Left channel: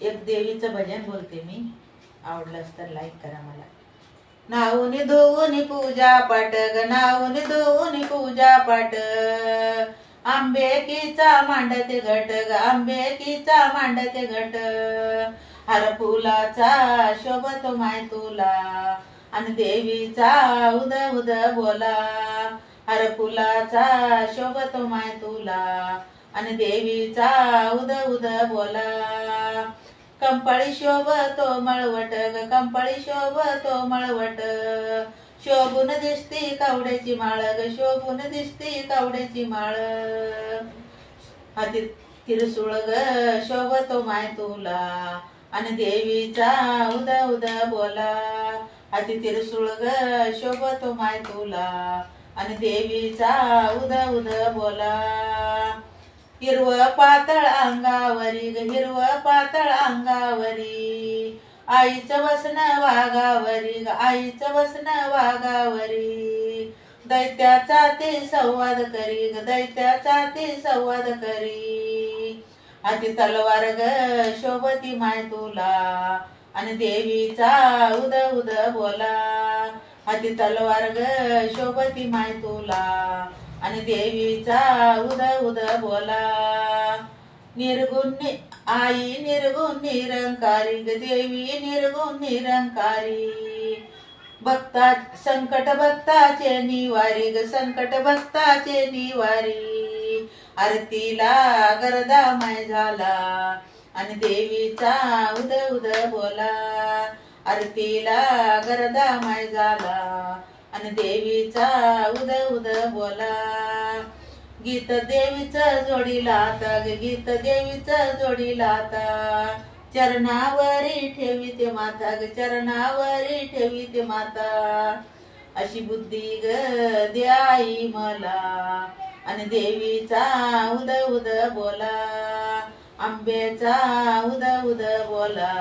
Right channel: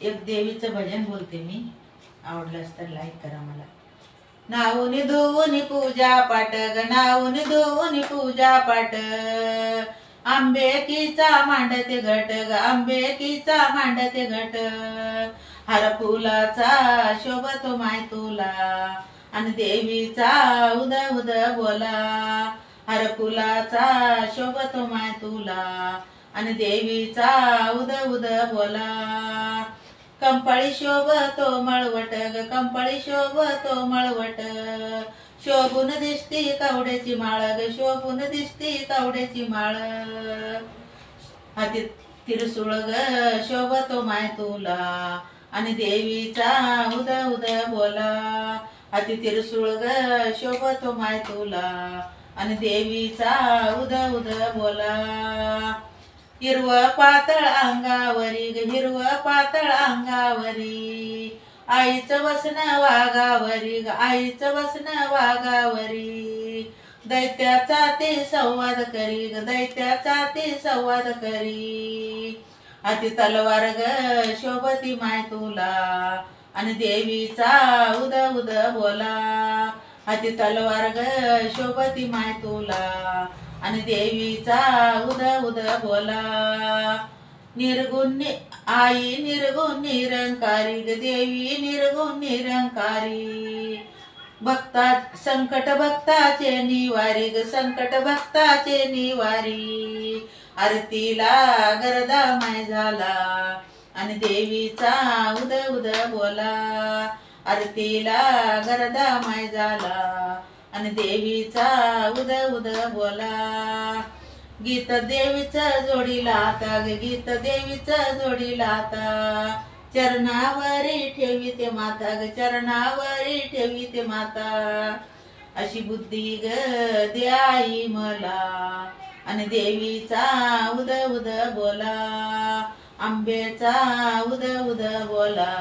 एक देवीचं भजन बोलते मी, आवडलंच तर लाईक करा मला. नाऊनी धुवूनी पूजा पाठ ग, नाऊनी धुवूनी पूजा पाठ, आंबेकीचा मांडते घट ग, आंबेकीचा मांडते घट, हर फुलाचा शोभतो माय तुला, आणि देवीचा उद उद बोला, हर फुलाचा शोभतो माय तुला, आणि देवीचा उद उद बोला. कंपाळी शोभतो मळवट ग, कंपाळी शोभतो मळवट, शोभून दिसती कावड्याची माळ ग, शोभून दिसती कावड्याची माळ, हाती तिरसुळ ग शोभतो माय तुला, आणि देवीचा उद उद बोला, हाती तिरसुळ ग शोभतो माय तुला, आणि देवीचा उद उद बोला. हिरवं पातळ अंगावरी ग, हिरवं पातळ अंगावरी, आईचं वसनं वाघावरी ग, आईचं वसनं वाघावरी, दैत्याचा ते संवाद करी ग, दैत्याचा ते संवाद करी, हाती तलवार ग शोभती माय तुला, आणि देवीचा उद उद बोला, हाती तलवार ग शोभती माय तुला, आणि देवीचा उद उद बोला. निर्गुण आई निर्गुण निरंकारी ग, देवी निर्गुण निरंकारी, भक्ता संकट भक्ताचे निवारी ग, संकट भक्ताचे निवारी, आरतीला गरदा माय झाला, आणि देवीचा उद उद बोला, आरतीला गरदा माय झाला, आणि देवीचा उद उद बोला. गीत देवीचं जोडीला आता ग, गीत देवीचं जोडीला आता, चरणावरी ठेवीते माता ग, चरणावरी ठेवीते माता, अशी बुद्धी ग दे आई मला, आणि देवीचा उद उद बोला, आंब्याचा उद उद बोला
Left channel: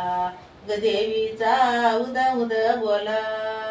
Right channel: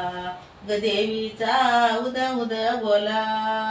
ग, देवीचा उद उद बोला.